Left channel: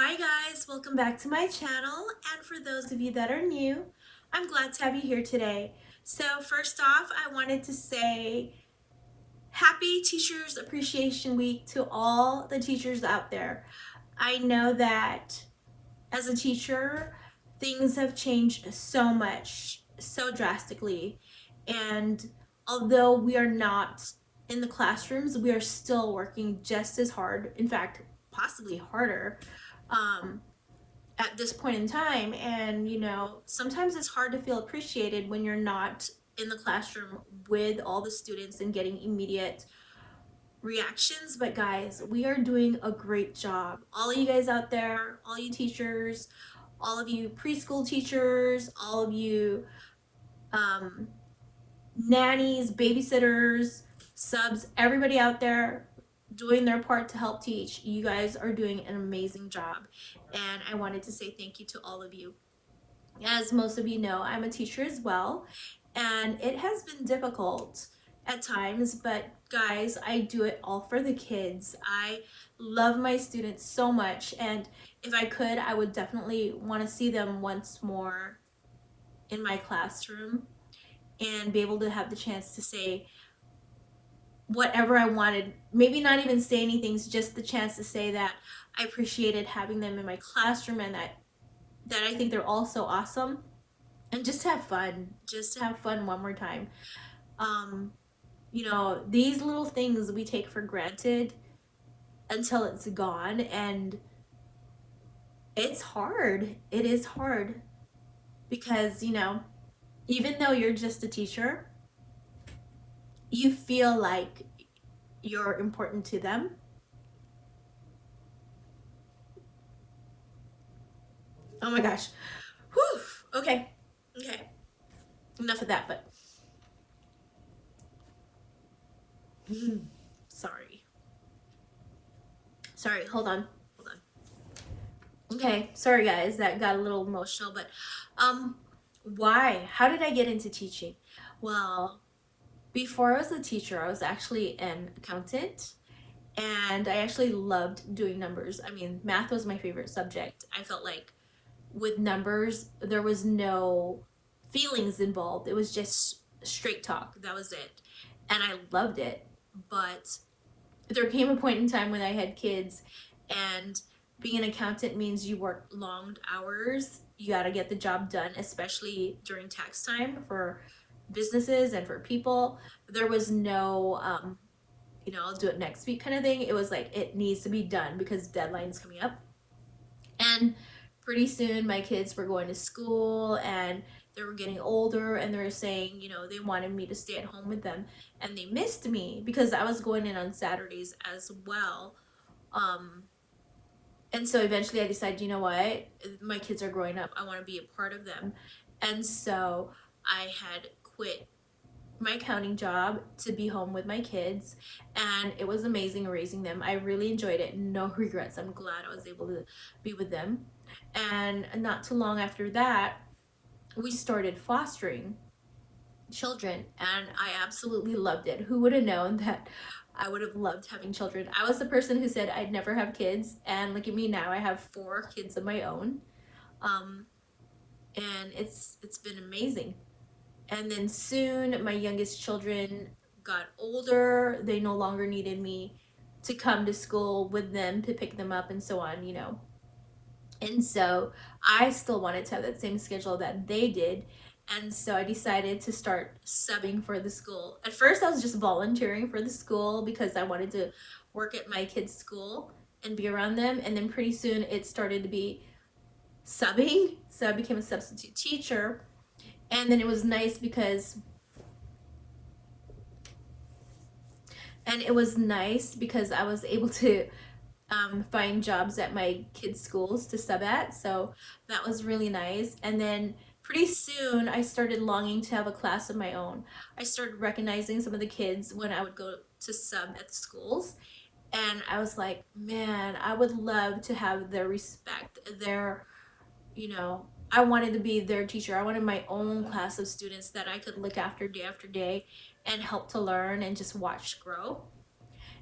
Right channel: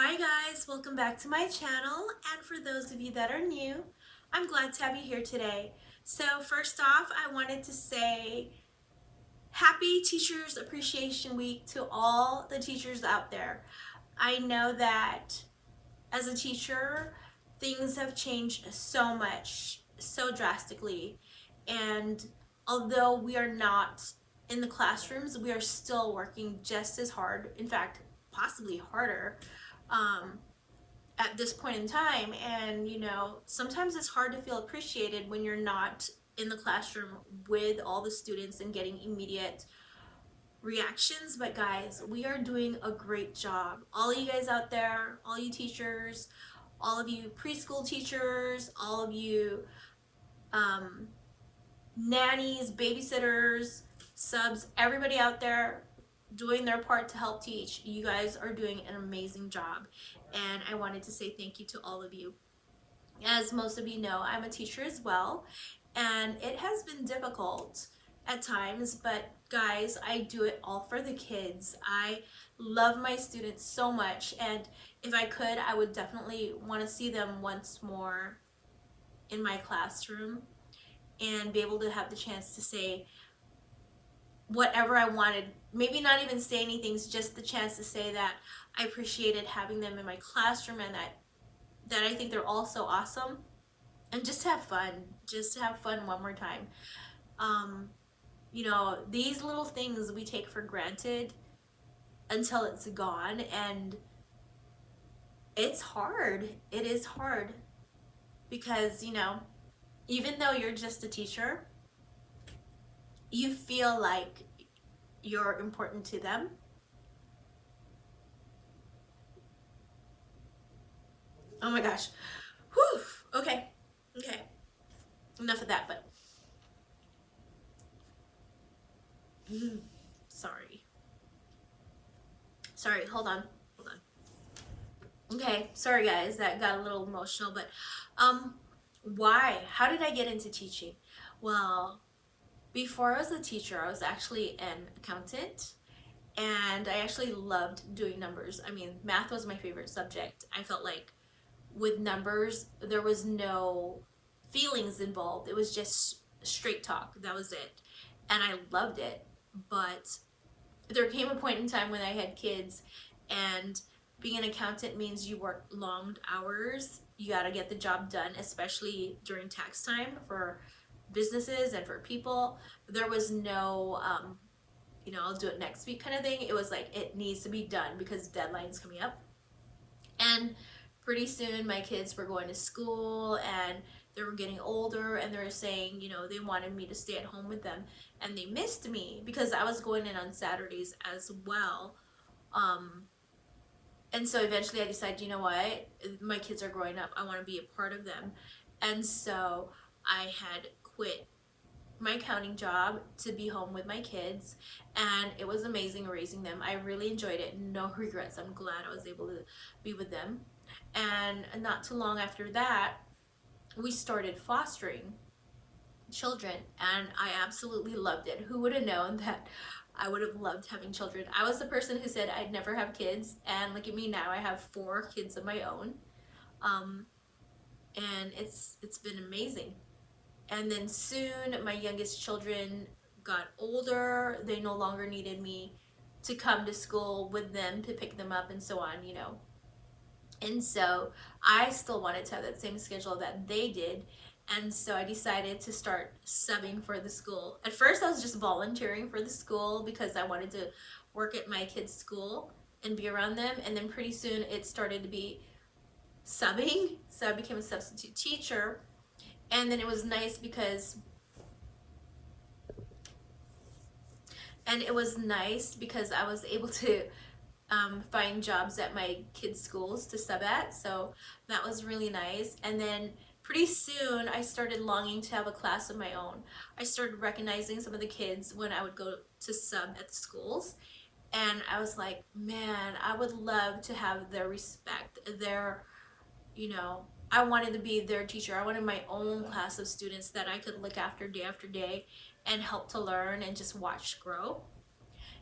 Hi guys, welcome back to my channel, and for those of you that are new, I'm glad to have you here today. So first off, I wanted to say happy Teachers Appreciation Week to all the teachers out there. I know that as a teacher, things have changed so much, so drastically, and although we are not in the classrooms, we are still working just as hard, in fact, possibly harder. Um, at this point in time, and sometimes it's hard to feel appreciated when you're not in the classroom with all the students and getting immediate reactions. But guys, we are doing a great job. All of you guys out there, all you teachers, all of you preschool teachers, all of you um, nannies, babysitters, subs, everybody out there doing their part to help teach. You guys are doing an amazing job, and I wanted to say thank you to all of you. As most of you know, I'm a teacher as well, and it has been difficult at times, but guys, I do it all for the kids. I love my students so much, and if I could, I would definitely want to see them once more in my classroom and be able to have the chance to say whatever I wanted. Maybe not even say anything, just the chance to say that I appreciated having them in my classroom, and that I think they're all so awesome, and just have fun. Just to have fun one more time. Um, these little things we take for granted until it's gone, and it's hard. It is hard because, even though you're just a teacher, you feel like you're important to them. Oh my gosh. Whew. Okay. Okay. Enough of that, but sorry. Sorry, hold on. Hold on. Okay, sorry guys, that got a little emotional, but why? How did I get into teaching? Well, before I was a teacher, I was actually an accountant, and I actually loved doing numbers. I mean, math was my favorite subject. I felt like with numbers, there was no feelings involved. It was just straight talk. That was it. And I loved it. But there came a point in time when I had kids, and being an accountant means you work long hours. You got to get the job done, especially during tax time for businesses and for people. There was no I'll do it next week kind of thing. It was like it needs to be done because deadline's coming up. And pretty soon my kids were going to school, and they were getting older, and they were saying, they wanted me to stay at home with them, and they missed me because I was going in on Saturdays as well. Um, and so eventually I decided, you know what? My kids are growing up. I want to be a part of them. And so I had quit my accounting job to be home with my kids, and it was amazing raising them. I really enjoyed it. No regrets. I'm glad I was able to be with them. And not too long after that, we started fostering children, and I absolutely loved it. Who would have known that I would have loved having children? I was the person who said I'd never have kids, and look at me now. I have 4 kids of my own. Um, and it's been amazing. And then soon my youngest children got older. They no longer needed me to come to school with them to pick them up and so on. And so I still wanted to have that same schedule that they did. And so I decided to start subbing for the school. At first, I was just volunteering for the school because I wanted to work at my kids' school and be around them. And then pretty soon it started to be subbing. So I became a substitute teacher. And then it was nice because I was able to find jobs at my kids' schools to sub at. So that was really nice. And then pretty soon I started longing to have a class of my own. I started recognizing some of the kids when I would go to sub at the schools. And I was like, man, I would love to have their respect, I wanted to be their teacher. I wanted my own class of students that I could look after day and help to learn and just watch grow.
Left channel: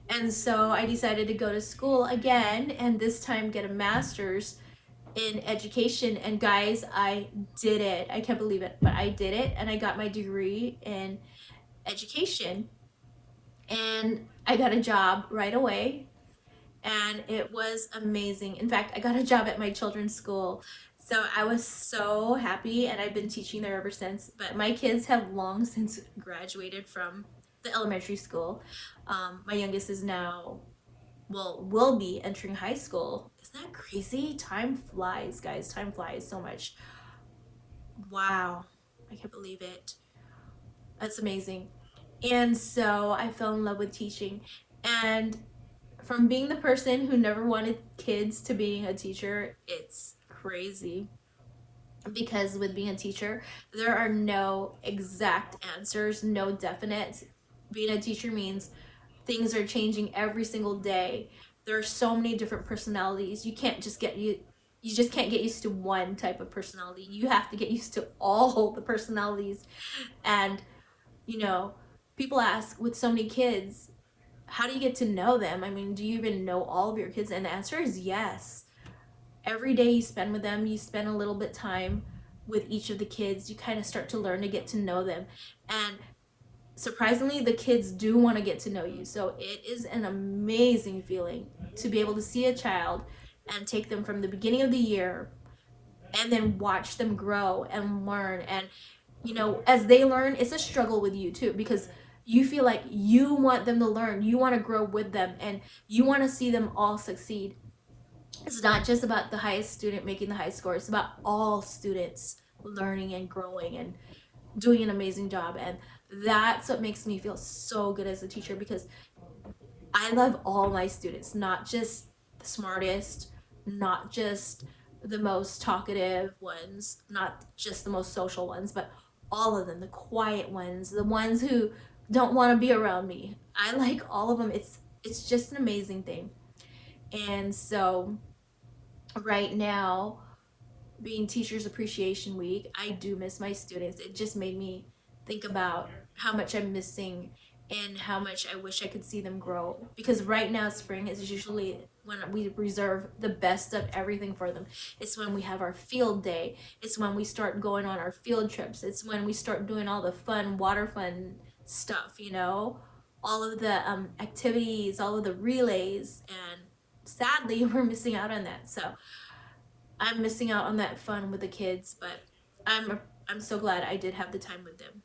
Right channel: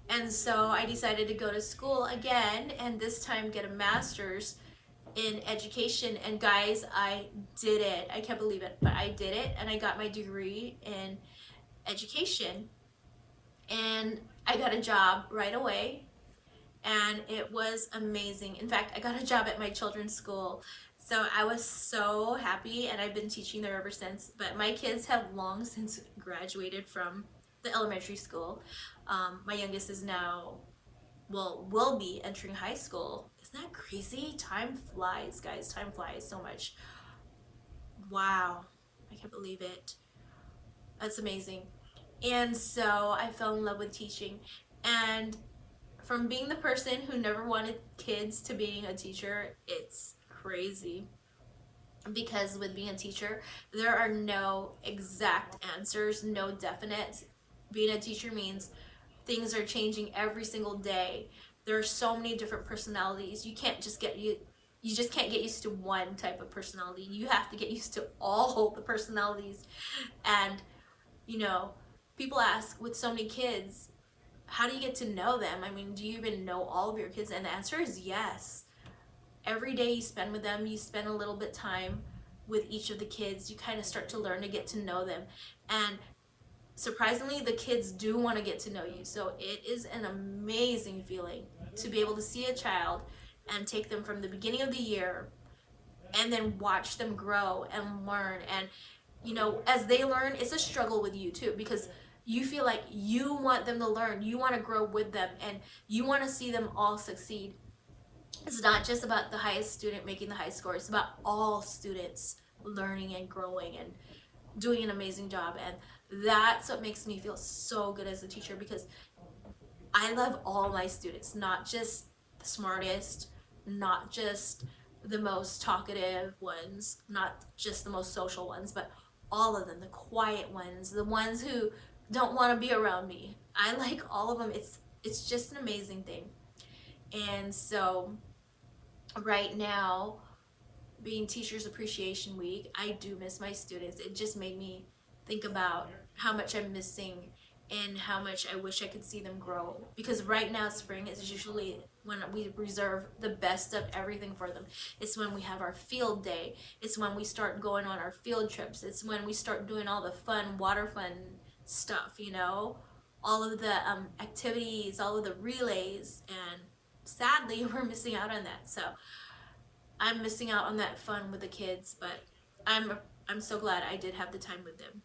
And so I decided to go to school again and this time get a master's in education. And guys, I did it. I can't believe it, but I did it and I got my degree in education. And I got a job right away and it was amazing. In fact, I got a job at my children's school. So I was so happy and I've been teaching there ever since. But my kids have long since graduated from the elementary school. My youngest is now, well, will be entering high school. Isn't that crazy? Time flies, guys. Time flies so much. Wow. I can't believe it. That's amazing. And so I fell in love with teaching. And from being the person who never wanted kids to being a teacher, it's crazy. Because with being a teacher, there are no exact answers, no definites. Being a teacher means things are changing every single day. There are so many different personalities. You just can't get used to one type of personality. You have to get used to all the personalities. And you know, people ask with so many kids, how do you get to know them? I mean, do you even know all of your kids? And the answer is yes. Every day you spend with them, you spend a little bit time with each of the kids. You kind of start to learn to get to know them. And surprisingly, the kids do want to get to know you. So it is an amazing feeling to be able to see a child and take them from the beginning of the year and then watch them grow and learn. And as they learn, it's a struggle with you too, because you feel like you want them to learn, you want to grow with them, and you want to see them all succeed. It's not just about the highest student making the high score, it's about all students learning and growing and doing an amazing job. And that's what makes me feel so good as a teacher, because I love all my students, not just the smartest, not just the most talkative ones, not just the most social ones, but all of them, the quiet ones, the ones who don't want to be around me. I like all of them. It's just an amazing thing. And so right now, being Teachers Appreciation Week, I do miss my students. It just made me think about how much I'm missing and how much I wish I could see them grow. Because right now, spring is usually when we reserve the best of everything for them. It's when we have our field day. It's when we start going on our field trips. It's when we start doing all the fun, water fun stuff. All of the activities, all of the relays. And sadly, we're missing out on that. So I'm missing out on that fun with the kids, but I'm so glad I did have the time with them.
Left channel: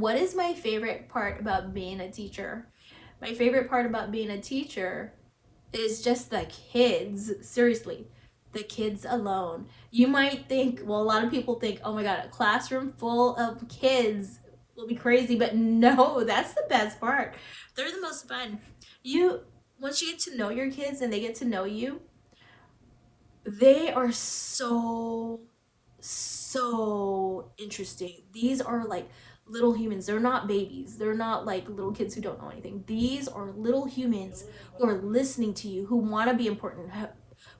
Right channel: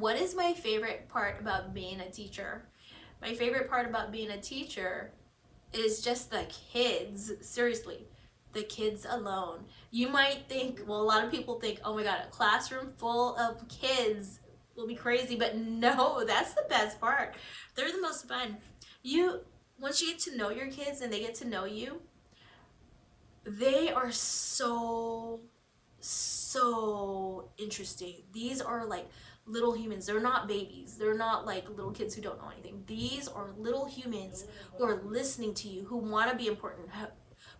What is my favorite part about being a teacher? My favorite part about being a teacher is just the kids. Seriously, the kids alone. You might think, well, a lot of people think, oh my God, a classroom full of kids will be crazy, but no, that's the best part. They're the most fun. Once you get to know your kids and they get to know you, they are so interesting. These are like little humans. They're not babies. They're not like little kids who don't know anything. These are little humans who are listening to you, who want to be important,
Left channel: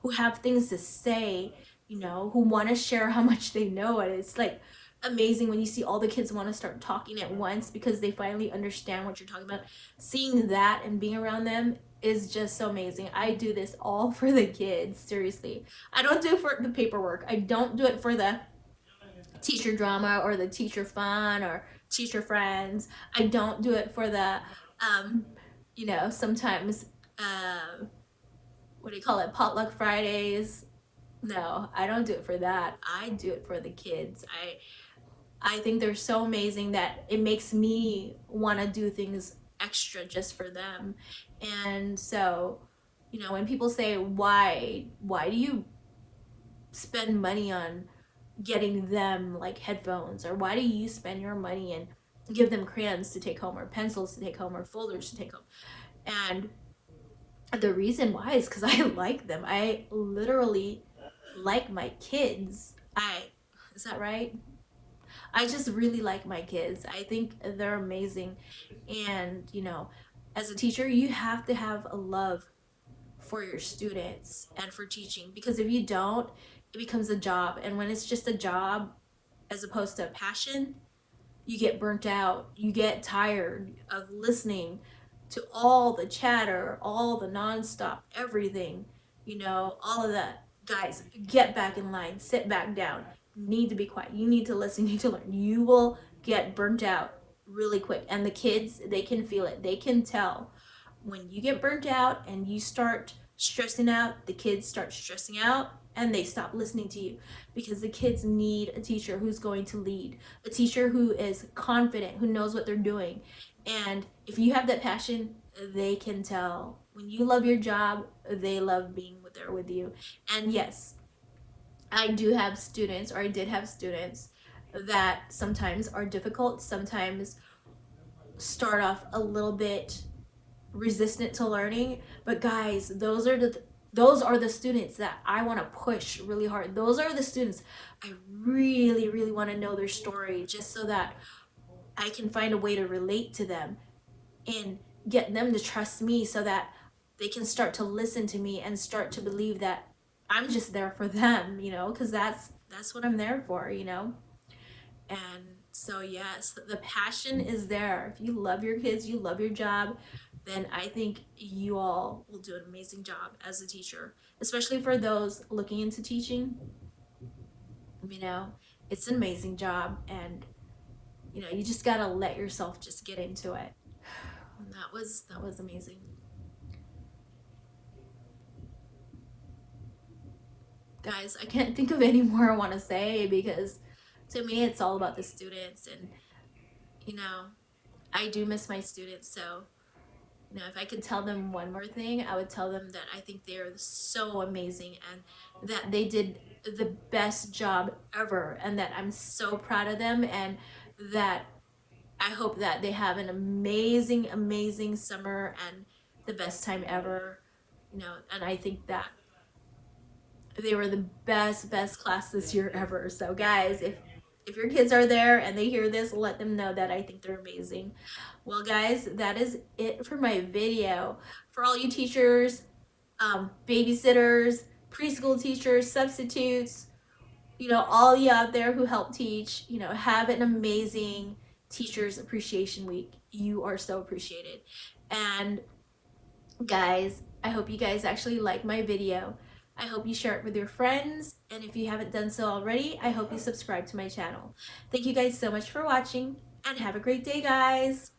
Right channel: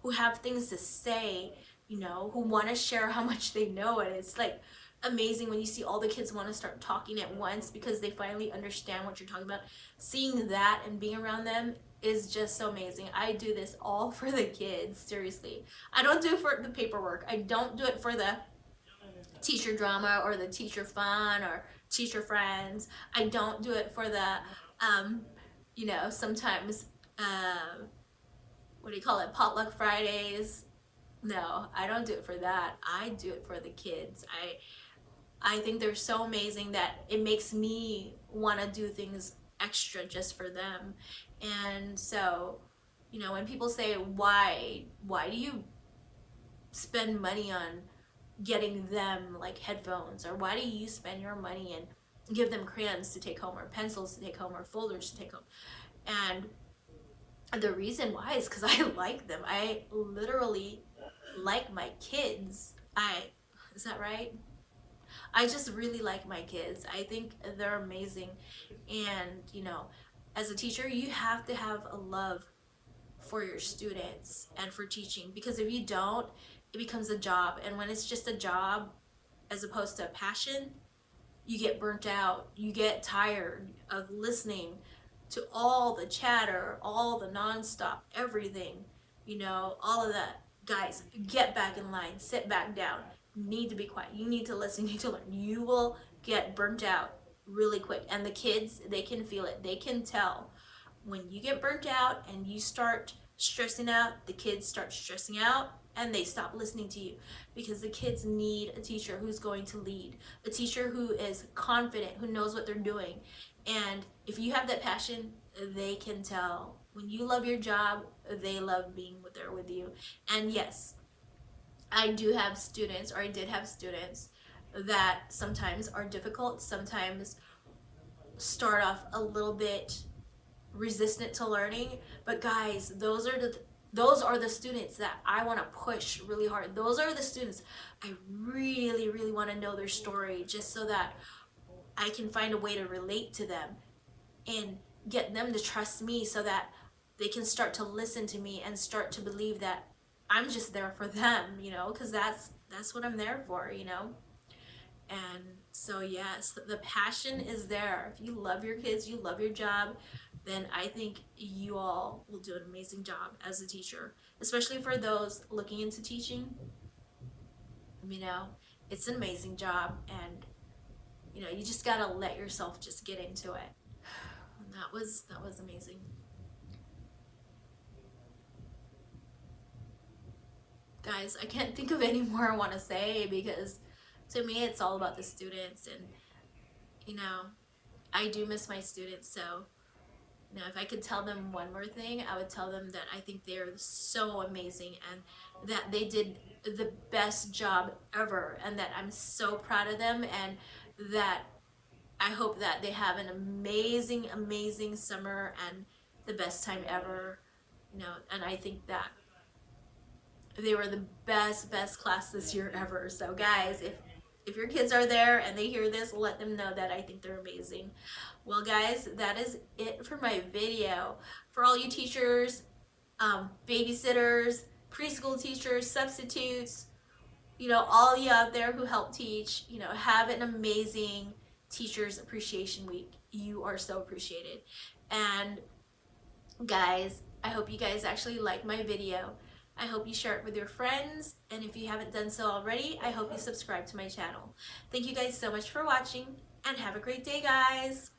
who have things to say, who want to share how much they know. And it's like amazing when you see all the kids want to start talking at once because they finally understand what you're talking about. Seeing that and being around them is just so amazing. I do this all for the kids, seriously. I don't do it for the paperwork. I don't do it for the teacher drama or the teacher fun or teacher friends. I don't do it for the sometimes what do you call it, potluck Fridays. No, I don't do it for that. I do it for the kids. I think they're so amazing that it makes me want to do things extra just for them. And so, when people say, why do you spend money on getting them like headphones, or why do you spend your money and give them crayons to take home or pencils to take home or folders to take home? And the reason why is because I like them. I literally like my kids. Is that right? I just really like my kids. I think they're amazing. And, as a teacher, you have to have a love for your students and for teaching, because if you don't, it becomes a job. And when it's just a job as opposed to a passion, you get burnt out. You get tired of listening to all the chatter, all the nonstop, everything, all of that. Guys, get back in line, sit back down. You need to be quiet. You need to listen, you need to learn. You will get burnt out really quick. And the kids, they can feel it. They can tell when you get burnt out and you start stressing out, the kids start stressing out and they stop listening to you, because the kids need a teacher who's going to lead, a teacher who is confident, who knows what they're doing. And if you have that passion, they can tell. When you love your job, they love being there with you. And yes, I do have students, or I did have students that sometimes are difficult, sometimes start off a little bit resistant to learning. But guys, those are the students that I want to push really hard. Those are the students I really, really want to know their story, just so that I can find a way to relate to them and get them to trust me, so that they can start to listen to me and start to believe that I'm just there for them, because that's what I'm there for. And so yes, the passion is there. If you love your kids, you love your job, then I think you all will do an amazing job as a teacher, especially for those looking into teaching. It's an amazing job, and you just gotta let yourself just get into it. And that was amazing. Guys, I can't think of any more I want to say, because to me it's all about the students. And you know I do miss my students. So if I could tell them one more thing, I would tell them that I think they're so amazing, and that they did the best job ever, and that I'm so proud of them, and that I hope that they have an amazing, amazing summer and the best time ever. And I think that they were the best class this year ever. So guys, if your kids are there and they hear this, let them know that I think they're amazing. Well guys, that is it for my video. For all you teachers, babysitters, preschool teachers, substitutes, all you out there who help teach, have an amazing Teachers Appreciation Week. You are so appreciated. And guys, I hope you guys actually like my video. I hope you share it with your friends, and if you haven't done so already, I hope you subscribe to my channel. Thank you guys so much for watching, and have a great day, guys!